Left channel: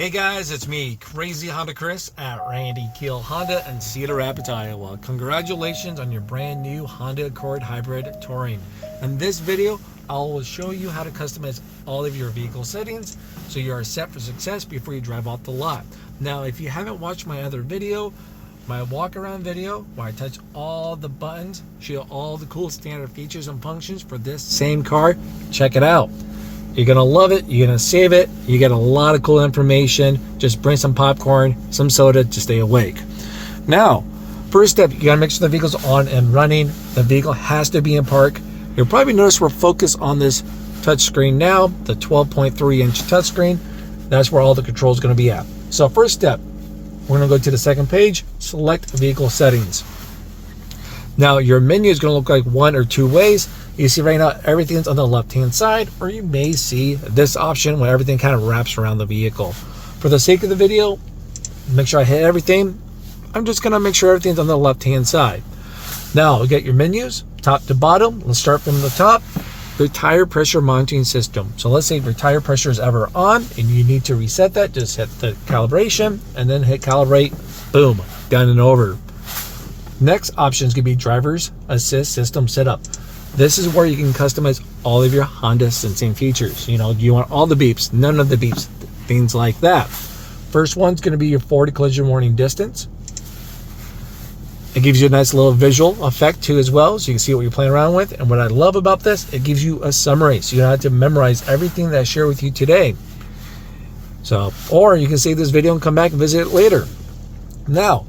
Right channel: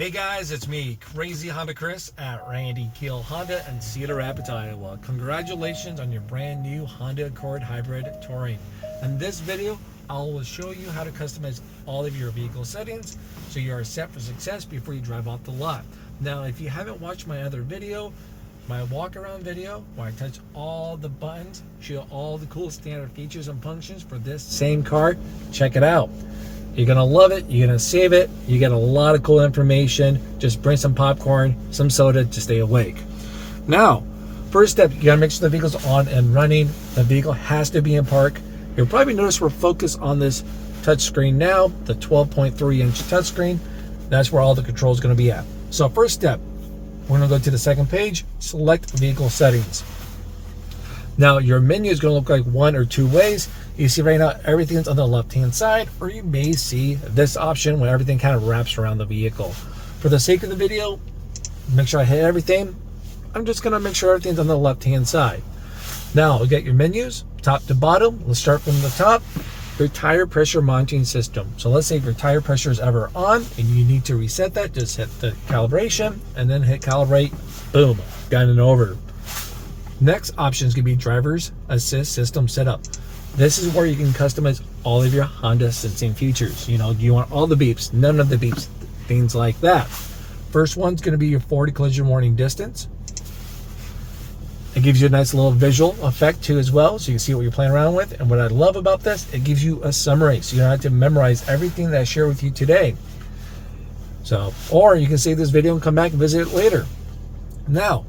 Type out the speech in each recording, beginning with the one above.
Hey guys, it's me, Crazy Honda Chris at Randy Keel Honda in Cedar Rapids, Iowa. Congratulations on your brand new Honda Accord Hybrid Touring. In this video, I will show you how to customize all of your vehicle settings so you are set for success before you drive off the lot. Now, if you haven't watched my other video, my walk around video where I touch all the buttons, show all the cool standard features and functions for this same car, check it out. You're gonna love it, you're gonna save it, you get a lot of cool information. Just bring some popcorn, some soda to stay awake. Now, first step, you gotta make sure the vehicle's on and running. The vehicle has to be in park. You'll probably notice we're focused on this touch screen now, the 12.3-inch touchscreen. That's where all the controls are gonna be at. So first step, we're gonna go to the second page, select vehicle settings. Now your menu is gonna look like one or two ways. You see right now everything's on the left hand side, or you may see this option where everything kind of wraps around the vehicle. For the sake of the video, make sure I hit everything. I'm just gonna make sure everything's on the left hand side. Now we'll get your menus top to bottom. Let's start from the top. Your tire pressure monitoring system. So let's say if your tire pressure is ever on and you need to reset that, just hit the calibration and then hit calibrate. Boom, done and over. Next option is gonna be driver's assist system setup. This is where you can customize all of your Honda sensing features. You know, do you want all the beeps, none of the beeps, things like that. First one's going to be your forward collision warning distance. It gives you a nice little visual effect too as well, so you can see what you're playing around with. And what I love about this, it gives you a summary, so you don't have to memorize everything that I share with you today. So, or you can save this video and come back and visit it later. Now,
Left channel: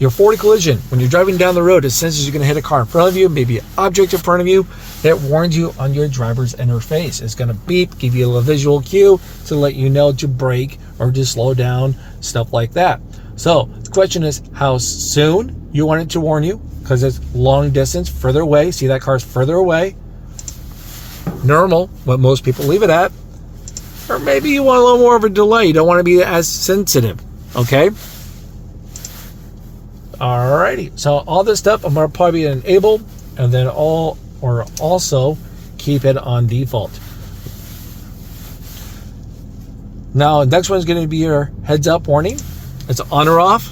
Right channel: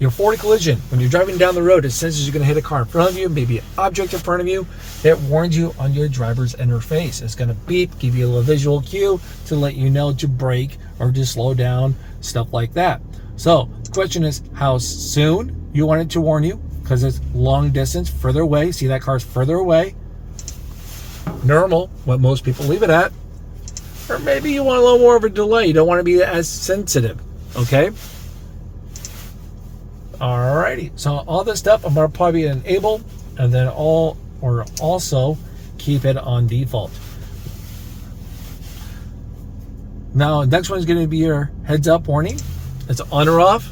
your forward collision, when you're driving down the road, it senses you're going to hit a car in front of you, maybe an object in front of you. It warns you on your driver's interface. It's going to beep, give you a little visual cue to let you know to brake or to slow down, stuff like that. So the question is how soon you want it to warn you, because it's long distance, further away. See, that car's further away. Normal, what most people leave it at. Or maybe you want a little more of a delay. You don't want to be as sensitive, okay? Alrighty, so all this stuff I'm gonna probably enable, and then also keep it on default. Now, next one's going to be your heads up warning. It's on or off.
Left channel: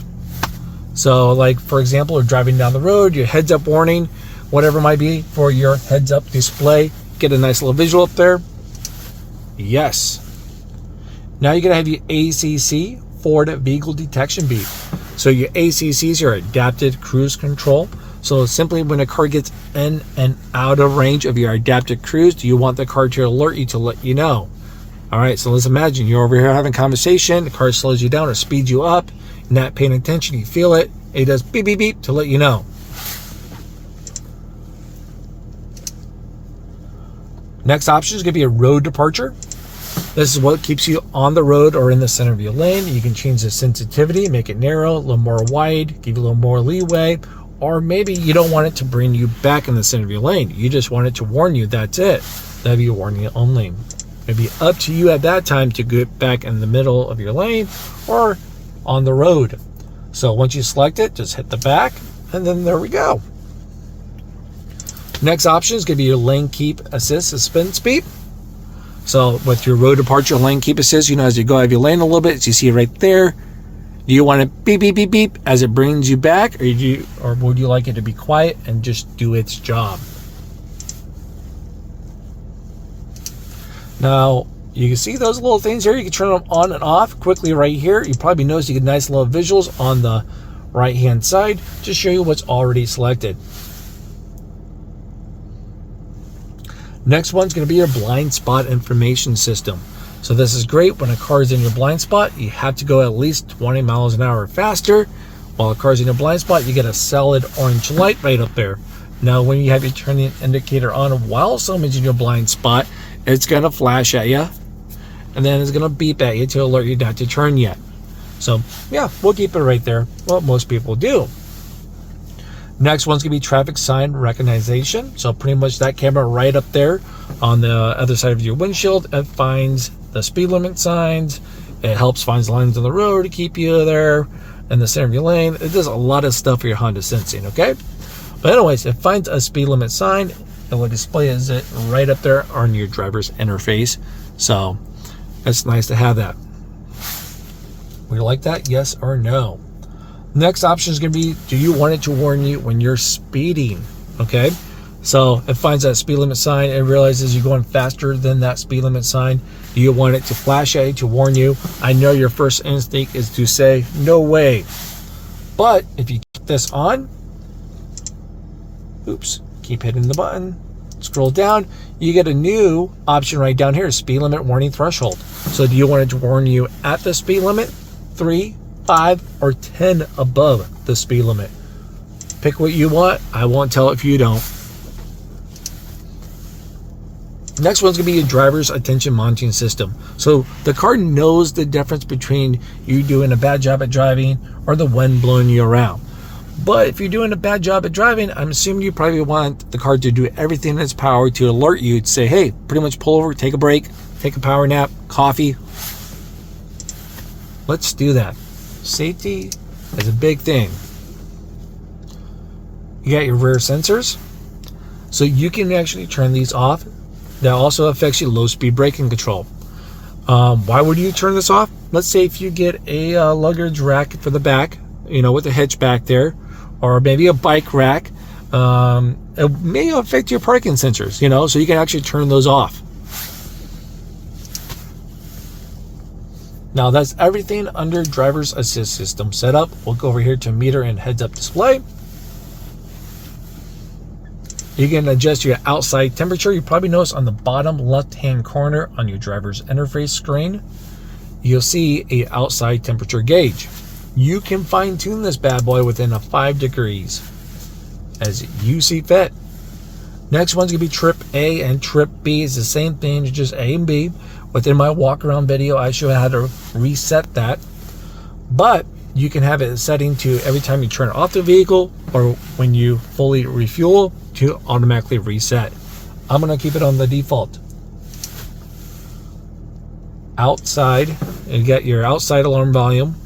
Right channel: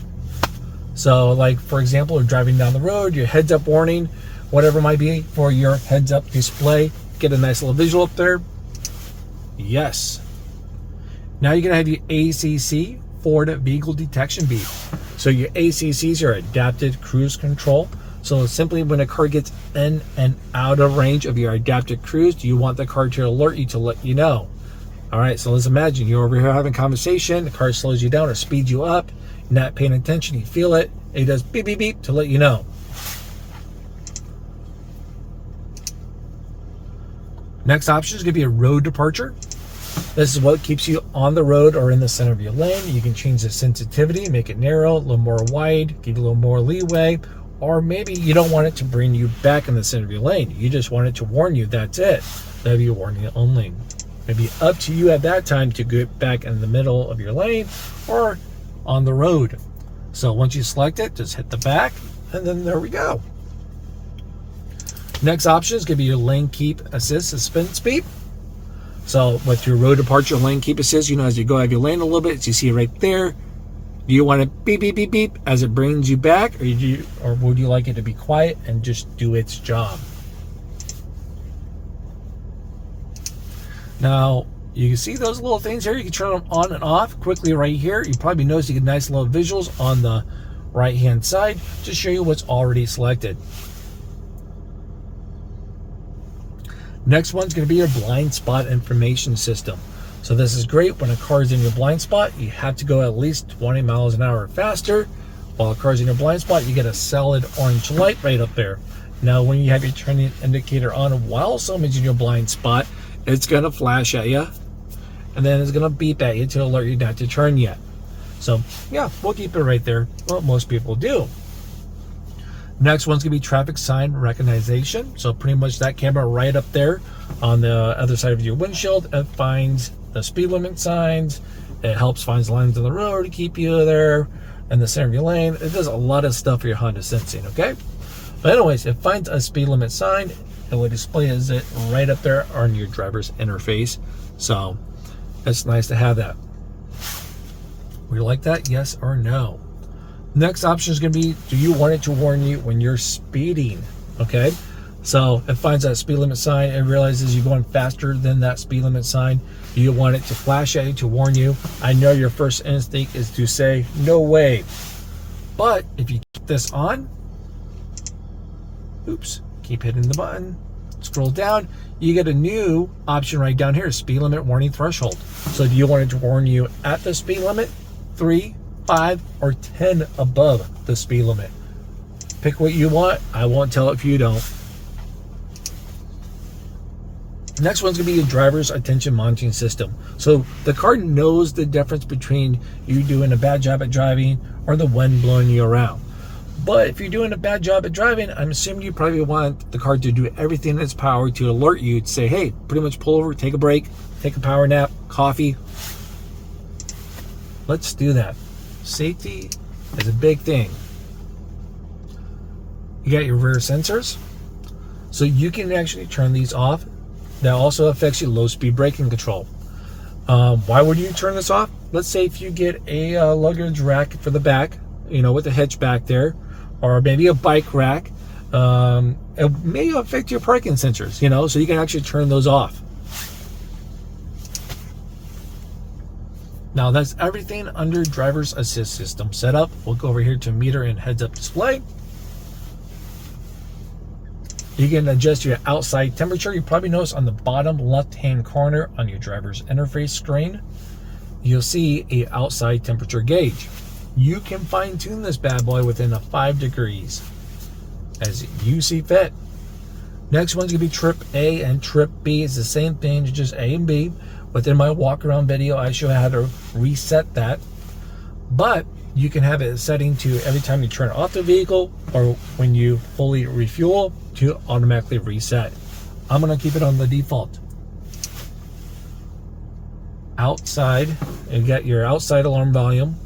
So, like for example, you're driving down the road, your heads up warning, whatever it might be for your heads up display. Get a nice little visual up there. Yes. Now you're gonna have your ACC, forward vehicle detection beep. So your ACCs are adaptive cruise control. So simply when a car gets in and out of range of your adaptive cruise, you want the car to alert you to let you know. All right, so let's imagine you're over here having a conversation, the car slows you down or speeds you up, not paying attention, you feel it, it does beep, beep, beep to let you know. Next option is gonna be a road departure. This is what keeps you on the road or in the center of your lane. You can change the sensitivity, make it narrow, a little more wide, give you a little more leeway, or maybe you don't want it to bring you back in the center of your lane. You just want it to warn you, that's it. That'd be a warning only. It'd be up to you at that time to get back in the middle of your lane or on the road. So once you select it, just hit the back, and then there we go. Next option is gonna be your lane keep assist suspense beep. So with your road departure lane keep assist, you know, as you go out of your lane a little bit, as you see right there, do you want to beep, beep, beep, beep as it brings you back, or would you like it to be quiet and just do its job? Now, you can see those little things here. You can turn them on and off quickly right here. You probably notice you get nice little visuals on the right-hand side to show you what's already selected. Next one's going to be your blind spot information system. So this is great when a car is in your blind spot. You have to go at least 20 miles an hour faster. While a car's in your blind spot, you get a solid orange light right up there. Now when you have your turning indicator on while someone's in your blind spot, it's going to flash at you, and then it's going to beep at you to alert you not to turn yet. So yeah, we'll keep it right there, what most people do. Next one's gonna be traffic sign recognition. So pretty much that camera right up there on the other side of your windshield, it finds the speed limit signs. It helps find lines on the road to keep you there in the center of your lane. It does a lot of stuff for your Honda sensing, okay? But anyways, it finds a speed limit sign. It will display it right up there on your driver's interface. So it's nice to have that. Would you like that? Yes or no? Next option is going to be, do you want it to warn you when you're speeding? Okay, so it finds that speed limit sign and realizes you're going faster than that speed limit sign. Do you want it to flash at you to warn you? I know your first instinct is to say, no way. But if you keep this on, oops, keep hitting the button, scroll down, you get a new option right down here, speed limit warning threshold. So do you want it to warn you at the speed limit, 3, 5, or 10 above the speed limit? Pick what you want. I won't tell if you don't. Next one's gonna be your driver's attention monitoring system. So the car knows the difference between you doing a bad job at driving or the wind blowing you around. But if you're doing a bad job at driving, I'm assuming you probably want the car to do everything in its power to alert you to say, hey, pretty much pull over, take a break, take a power nap, coffee. Let's do that. Safety is a big thing. You got your rear sensors. So you can actually turn these off. That also affects your low speed braking control. Why would you turn this off? Let's say if you get a luggage rack for the back, with a hitch back there, or maybe a bike rack, it may affect your parking sensors, so you can actually turn those off. Now that's everything under driver's assist system setup. We'll go over here to meter and heads up display. You can adjust your outside temperature. You probably notice on the bottom left-hand corner on your driver's interface screen, you'll see a outside temperature gauge. You can fine-tune this bad boy within 5 degrees as you see fit. Next one's gonna be trip A and trip B. It's the same thing, it's just A and B. Within my walk-around video, I show you how to reset that. But you can have it setting to every time you turn off the vehicle or when you fully refuel to automatically reset. I'm gonna keep it on the default. Outside, you get your outside alarm volume.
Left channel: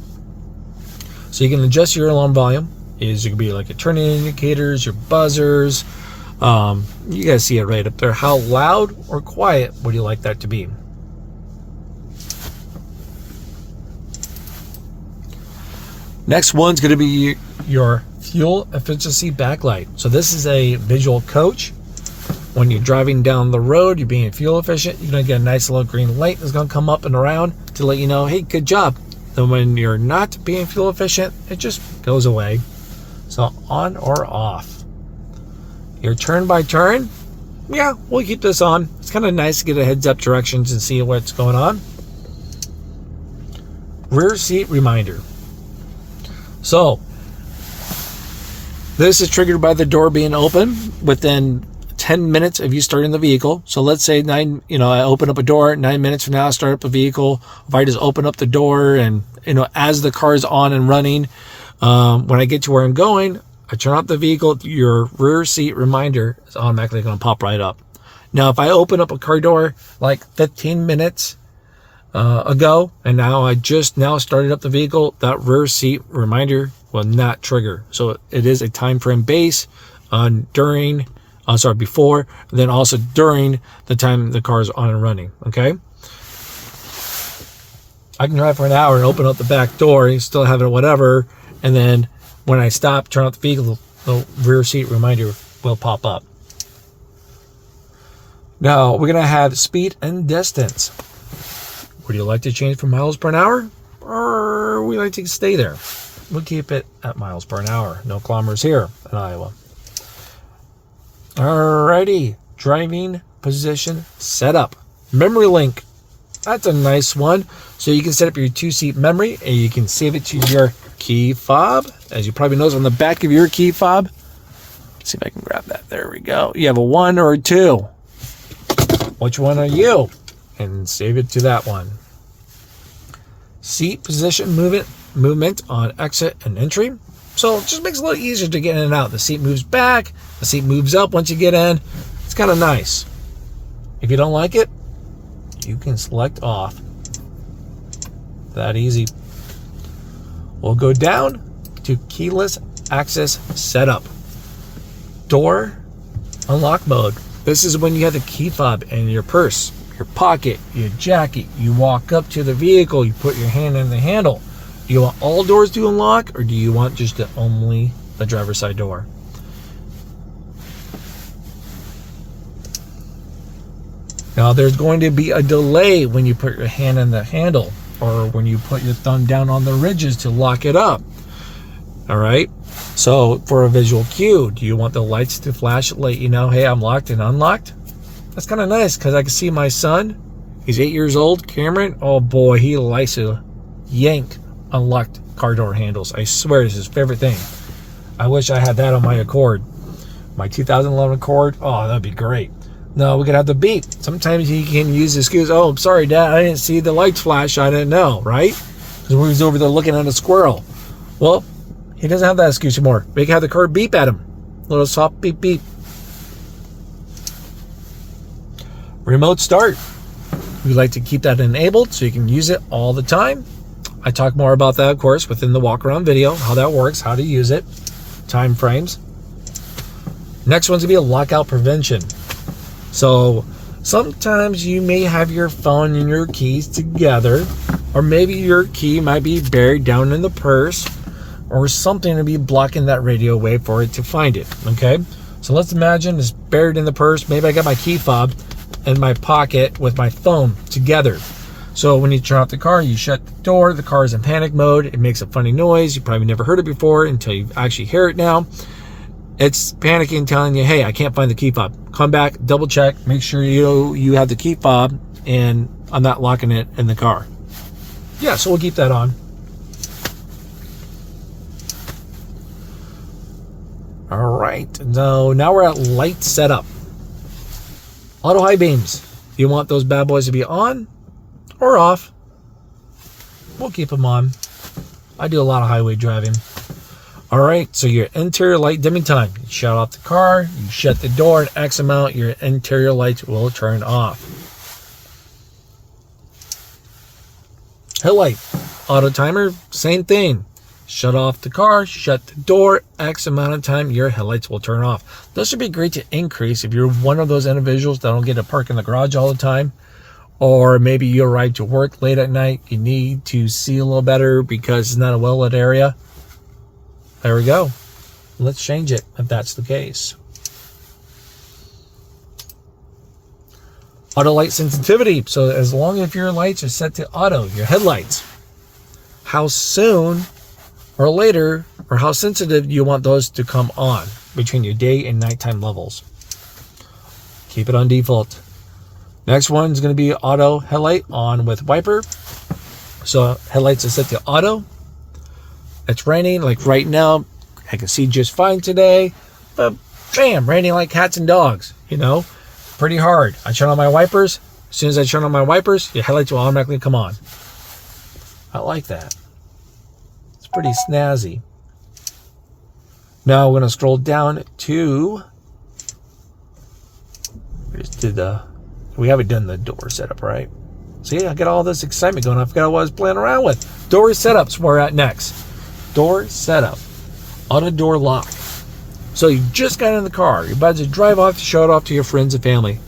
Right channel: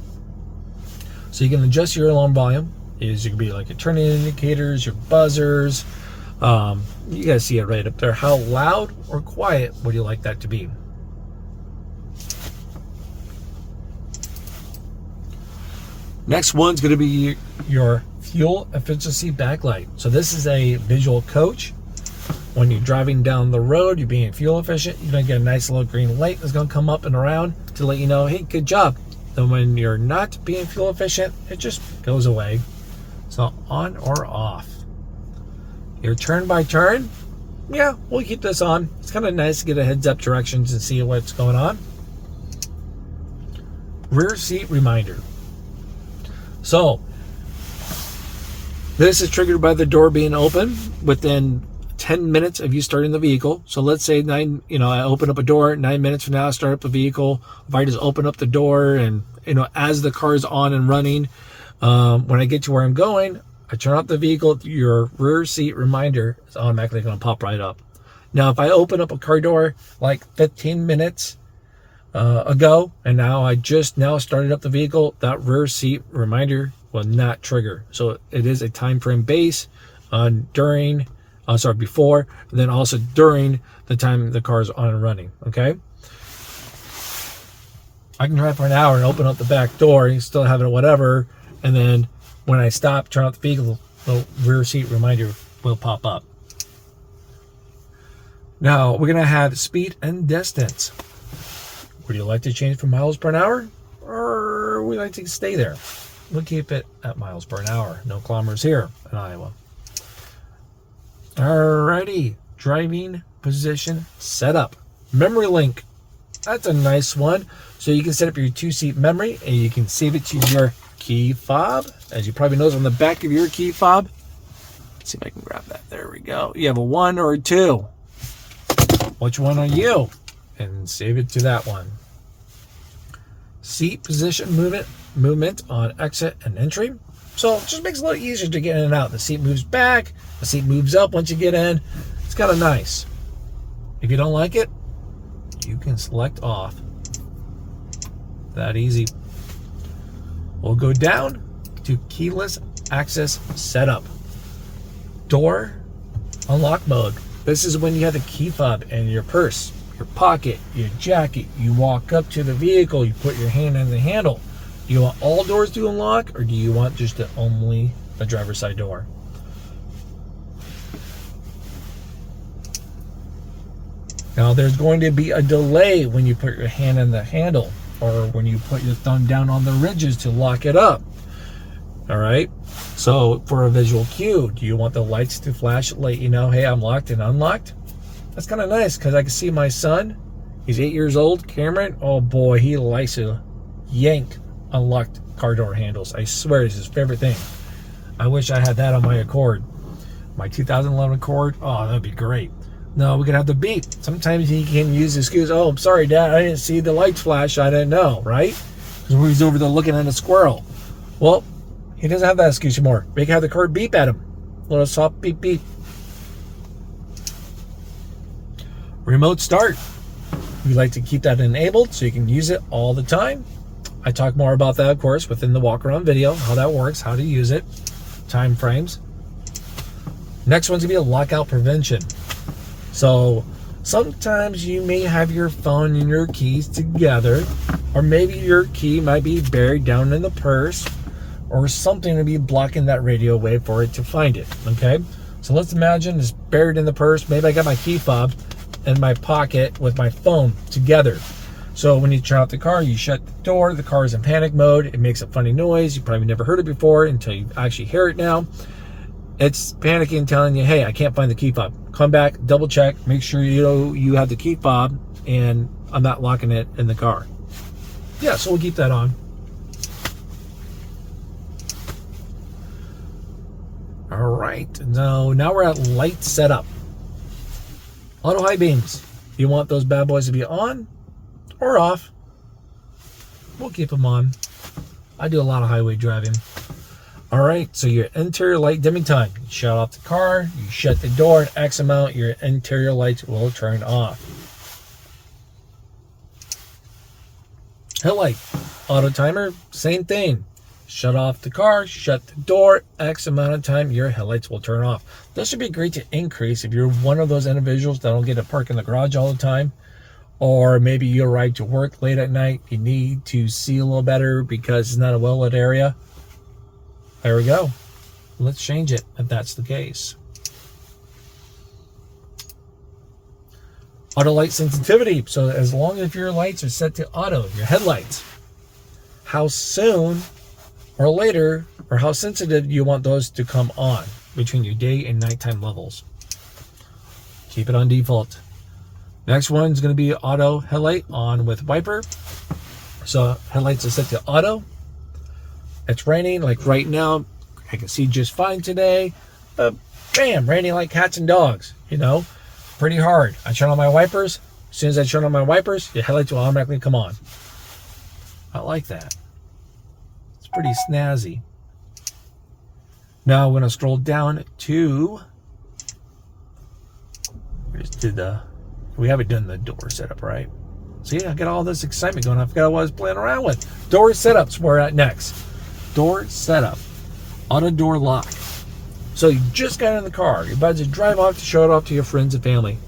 So you can adjust your alarm volume. It can be like your turning indicators, your buzzers. You guys see it right up there. How loud or quiet would you like that to be? Next one's going to be your fuel efficiency backlight. So this is a visual coach. When you're driving down the road, you're being fuel efficient, you're going to get a nice little green light that's going to come up and around to let you know, hey, good job. Then when you're not being fuel efficient, it just goes away. So on or off. Your turn by turn, yeah, we'll keep this on. It's kind of nice to get a heads up directions and see what's going on. Rear seat reminder. So this is triggered by the door being open within 10 minutes of you starting the vehicle. So let's say I open up a door, 9 minutes from now I start up a vehicle. If I just open up the door and as the car is on and running, when I get to where I'm going, I turn off the vehicle, your rear seat reminder is automatically going to pop right up. Now if I open up a car door like 15 minutes ago and now I just started up the vehicle, that rear seat reminder will not trigger. So it is a time frame base before, then also during the time the car is on and running. Okay, I can drive for an hour and open up the back door and still have it whatever, and then when I stop, turn off the vehicle, the rear seat reminder will pop up. Now we're gonna have speed and distance. Would you like to change from miles per hour, or would you like to stay there? We'll keep it at miles per hour. No kilometers here in Iowa. Alrighty, driving position setup. Memory link. That's a nice one. So you can set up your 2-seat memory and you can save it to your key fob. As you probably notice on the back of your key fob. Let's see if I can grab that. There we go. You have a 1 or a 2. Which one are you? And save it to that one. Seat position movement on exit and entry. So it just makes it a little easier to get in and out. The seat moves back, the seat moves up once you get in. It's kind of nice. If you don't like it, you can select off. That easy. We'll go down to keyless access setup. Door unlock mode. This is when you have the key fob in your purse, your pocket, your jacket. You walk up to the vehicle, you put your hand in the handle. Do you want all doors to unlock, or do you want just only the driver's side door? Now, there's going to be a delay when you put your hand on the handle or when you put your thumb down on the ridges to lock it up. All right. So for a visual cue, do you want the lights to flash, let you know, hey, I'm locked and unlocked? That's kind of nice because I can see my son. He's 8 years old, Cameron. Oh boy, he likes to yank unlocked car door handles. I swear it's his favorite thing. I wish I had that on my Accord. My 2011 Accord. Oh, that'd be great. No, we could have the beep. Sometimes you can use the excuse, oh, I'm sorry, Dad, I didn't see the lights flash. I didn't know, right? Because we was over there looking at a squirrel. Well, he doesn't have that excuse anymore. We can have the car beep at him. Little soft beep, beep. Remote start. We like to keep that enabled so you can use it all the time. I talk more about that, of course, within the walk around video, how that works, how to use it, time frames. Next one's gonna be a lockout prevention. So sometimes you may have your phone and your keys together, or maybe your key might be buried down in the purse or something to be blocking that radio wave for it to find it. Okay, so let's imagine it's buried in the purse. Maybe I got my key fob in my pocket with my phone together. So when you turn off the car, you shut the door, the car is in panic mode. It makes a funny noise. You probably never heard it before until you actually hear it now. It's panicking, telling you, hey, I can't find the key fob. Come back, double check, make sure you have the key fob and I'm not locking it in the car. Yeah, so we'll keep that on. All right, now we're at light setup. Auto high beams. Do you want those bad boys to be on or off? We'll keep them on. I do a lot of highway driving. All right, so your interior light dimming time. You shut off the car, you shut the door at X amount, your interior lights will turn off. Headlight, auto timer, same thing. Shut off the car, shut the door, X amount of time, your headlights will turn off. This would be great to increase if you're one of those individuals that don't get to park in the garage all the time, or maybe you arrive to work late at night, you need to see a little better because it's not a well-lit area. There we go. Let's change it if that's the case. Auto light sensitivity. So as long as your lights are set to auto, your headlights, how soon or later or how sensitive you want those to come on between your day and nighttime levels. Keep it on default. Next one is going to be auto headlight on with wiper. So headlights are set to auto. It's raining like right now. I can see just fine today, but bam, raining like cats and dogs, you know, pretty hard. I turn on my wipers. As soon as I turn on my wipers, your headlights will automatically come on. I like that. It's pretty snazzy. Now we're going to scroll down to, we haven't done the door setup, right? See, I got all this excitement going on. I forgot what I was playing around with. Door setups we're at next. Door setup, auto door lock. So you just got in the car, you're about to drive off to show it off to your friends and family.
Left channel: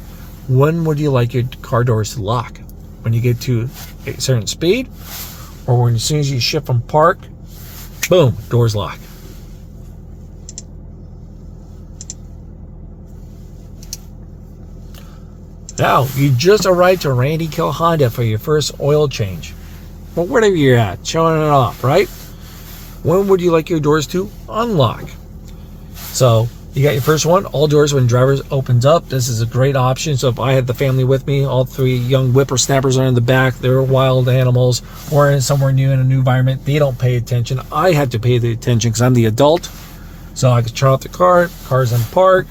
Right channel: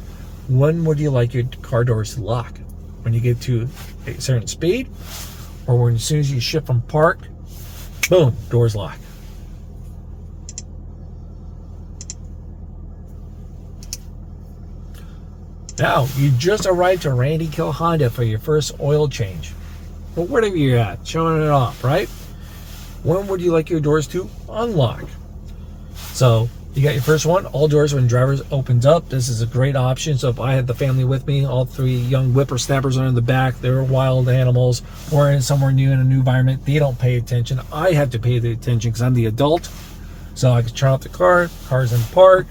When would you like your car doors to lock? When you get to a certain speed, or when as soon as you shift from park, boom, doors lock. Now you just arrived to Randy Kill Honda for your first oil change. Well, wherever you're at, showing it off, right? When would you like your doors to unlock? So you got your first one, all doors when driver opens up. This is a great option. So if I had the family with me, all three young whippersnappers are in the back, they're wild animals, or in somewhere new in a new environment, they don't pay attention. I have to pay the attention because I'm the adult. So I can turn off the car, car's in park,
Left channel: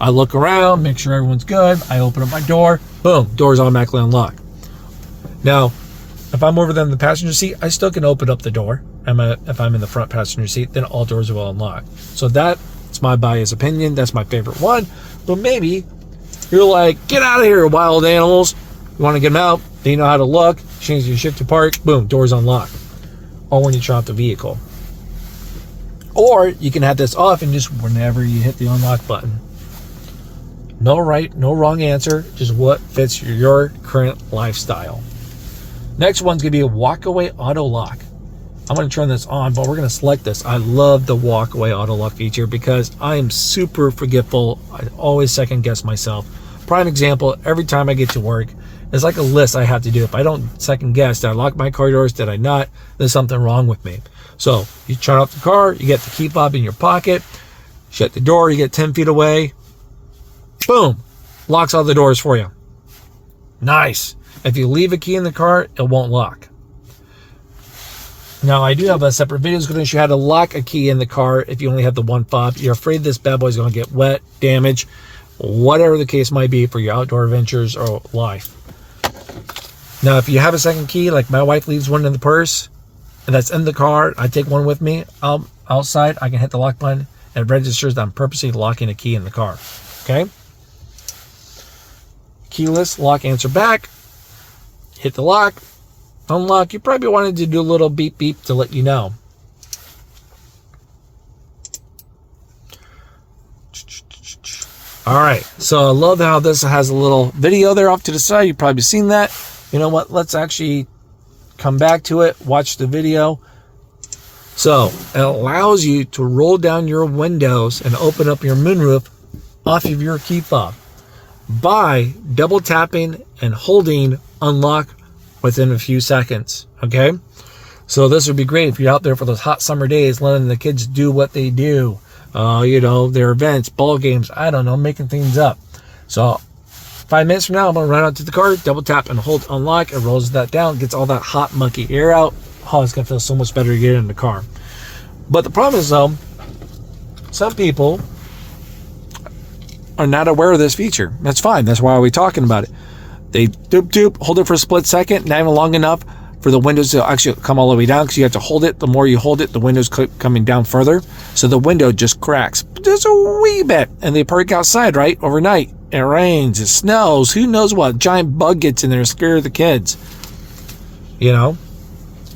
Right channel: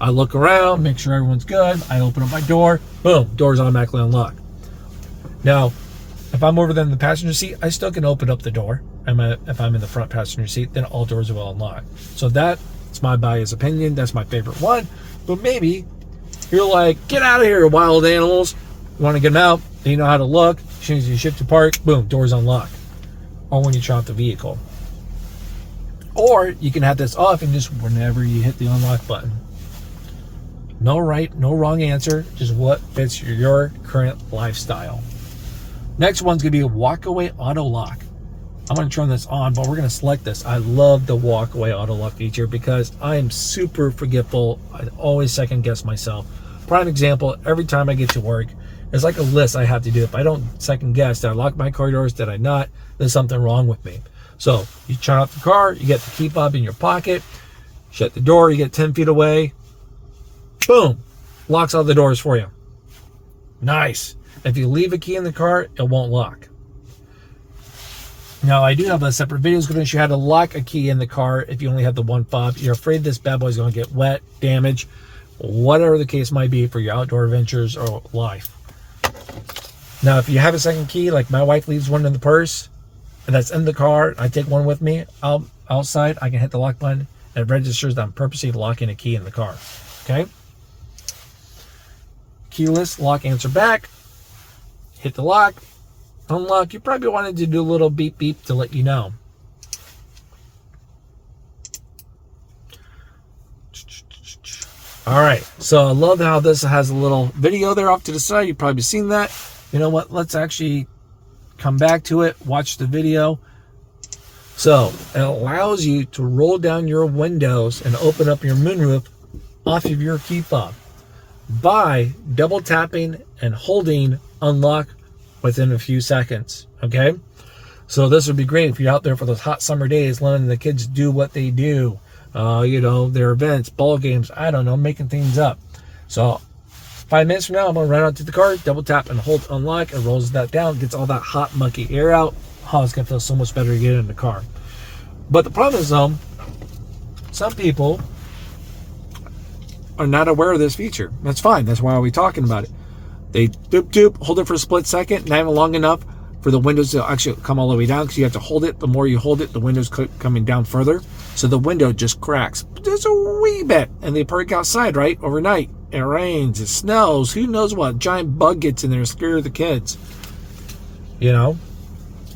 I look around, make sure everyone's good, I open up my door, boom, doors automatically unlock. Now, if I'm over there in the passenger seat, I still can open up the door. If I'm in the front passenger seat, then all doors will unlock. So that's my biased opinion. That's my favorite one. But maybe you're like, get out of here, wild animals. You want to get them out, then you know how to look, change your shift to park, boom, doors unlock. Or when you turn off the vehicle. Or you can have this off and just whenever you hit the unlock button. No right, no wrong answer, just what fits your current lifestyle. Next one's gonna be a walk-away auto lock. I'm going to turn this on, but we're going to select this. I love the walk-away auto lock feature because I am super forgetful. I always second guess myself. Prime example, every time I get to work, it's like a list I have to do. If I don't second guess, did I lock my car doors? Did I not? There's something wrong with me. So you turn off the car, you get the key fob in your pocket, shut the door, you get 10 feet away, boom, locks all the doors for you. Nice. If you leave a key in the car, it won't lock. Now, I do have a separate video that's going to show you how to lock a key in the car if you only have the one fob. You're afraid this bad boy is going to get wet, damage, whatever the case might be for your outdoor adventures or life. Now, if you have a second key, like my wife leaves one in the purse, and that's in the car, I take one with me outside, I can hit the lock button, and it registers that I'm purposely locking a key in the car. Okay? Keyless, lock, answer back, hit the lock, unlock. You probably wanted to do a little beep beep to let you know. All right, so I love how this has a little video there off to the side. You've probably seen that. You know what? Let's actually come back to it, watch the video. So it allows you to roll down your windows and open up your moonroof off of your key fob by double tapping and holding unlock within a few seconds. Okay, so this would be great if you're out there for those hot summer days, letting the kids do what they do, you know, their events, ball games, I don't know, making things up. So 5 minutes from now, I'm gonna run out to the car, double tap and hold unlock. It rolls that down, gets all that hot mucky air out. Oh, it's gonna feel so much better to get in the car. But the problem is, some people are not aware of this feature. That's fine. That's why we're talking about it. They doop, hold it for a split second, not even long enough for the windows to actually come all the way down, because you have to hold it. The more you hold it, the window's coming down further. So the window just cracks just a wee bit. And they park outside, right? Overnight. It rains, it snows, who knows what. Giant bug gets in there and scares the kids. You know?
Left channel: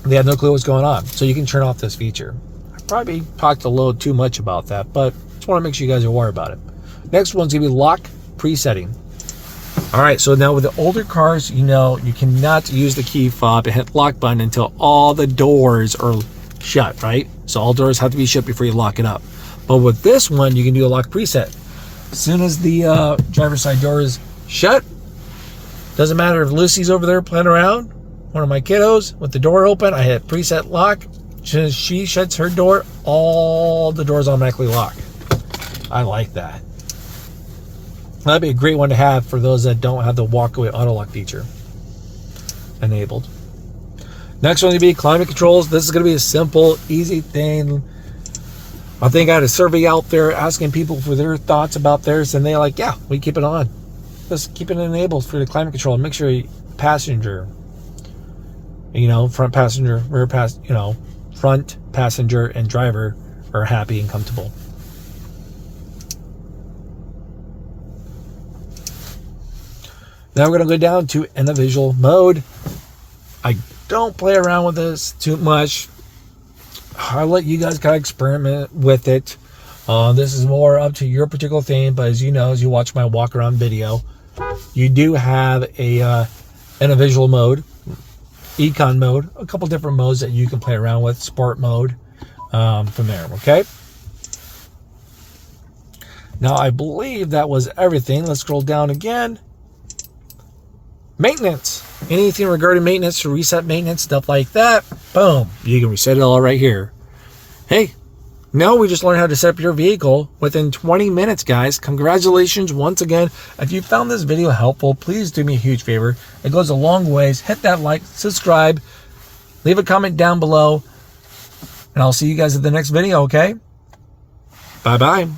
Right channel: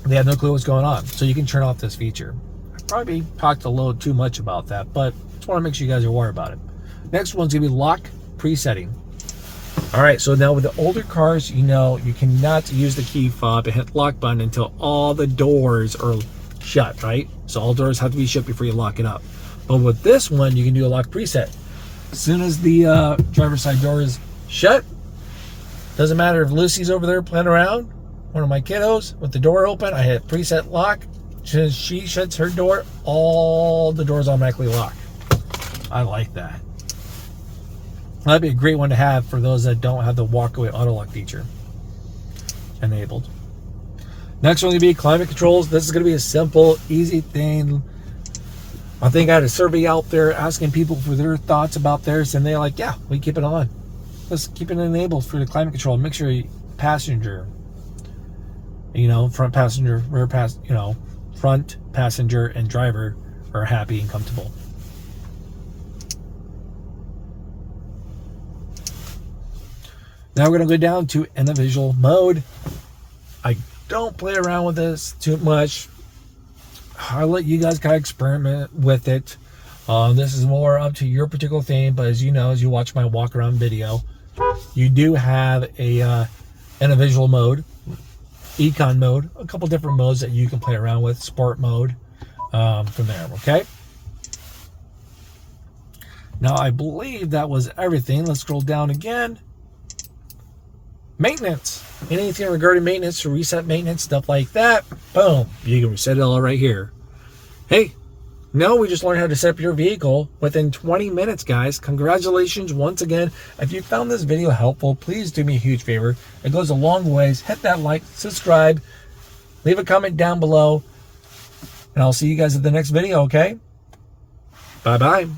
They have no clue what's going on. So you can turn off this feature. I probably talked a little too much about that, but just want to make sure you guys are aware about it. Next one's going to be lock presetting. All right, so now with the older cars, you know, you cannot use the key fob and hit lock button until all the doors are shut, right? So all doors have to be shut before you lock it up. But with this one, you can do a lock preset. As soon as the driver's side door is shut, doesn't matter if Lucy's over there playing around, one of my kiddos, with the door open, I hit preset lock. As soon as she shuts her door, all the doors automatically lock. I like that. That'd be a great one to have for those that don't have the walk-away auto lock feature enabled. Next one going to be climate controls. This is going to be a simple, easy thing. I think I had a survey out there asking people for their thoughts about theirs, and they're like, yeah, we keep it on. Let's keep it enabled for the climate control. Make sure passenger, you know, front passenger, rear passenger, you know, front passenger and driver are happy and comfortable. Now we're going to go down to individual mode. I don't play around with this too much. I'll let you guys kind of experiment with it. This is more up to your particular thing, but as you know, as you watch my walk around video, you do have a individual mode, econ mode, a couple different modes that you can play around with, sport mode, from there, okay? Now I believe that was everything. Let's scroll down again. Maintenance. Anything regarding maintenance, reset maintenance, stuff like that, boom, you can reset it all right here. Hey, now we just learned how to set up your vehicle within 20 minutes, guys. Congratulations once again. If you found this video helpful, please do me a huge favor. It goes a long ways. Hit that like, subscribe, leave a comment down below, and I'll see you guys at the next video, okay? Bye-bye.